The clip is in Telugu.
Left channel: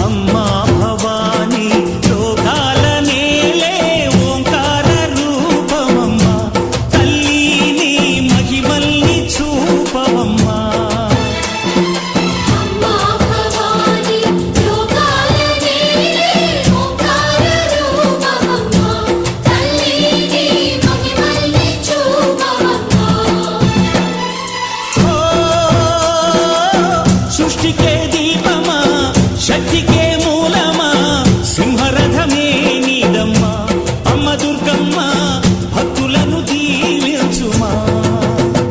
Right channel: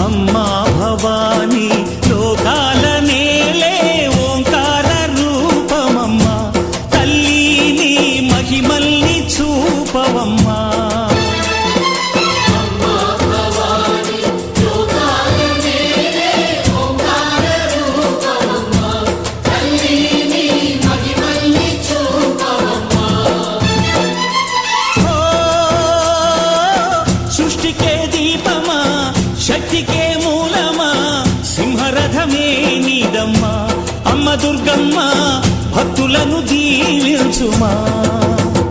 అమ్మా భవానీ లోకాల నేలే ఓంకార రూపమమ్మా తల్లి నీ మహిమల్ని చూపవమ్మా సృష్టికే దీపమా శక్తికే మూలమా సింహరథమే నీదమ్మా అమ్మ దుర్గమ్మ భక్తులను దీవించుమా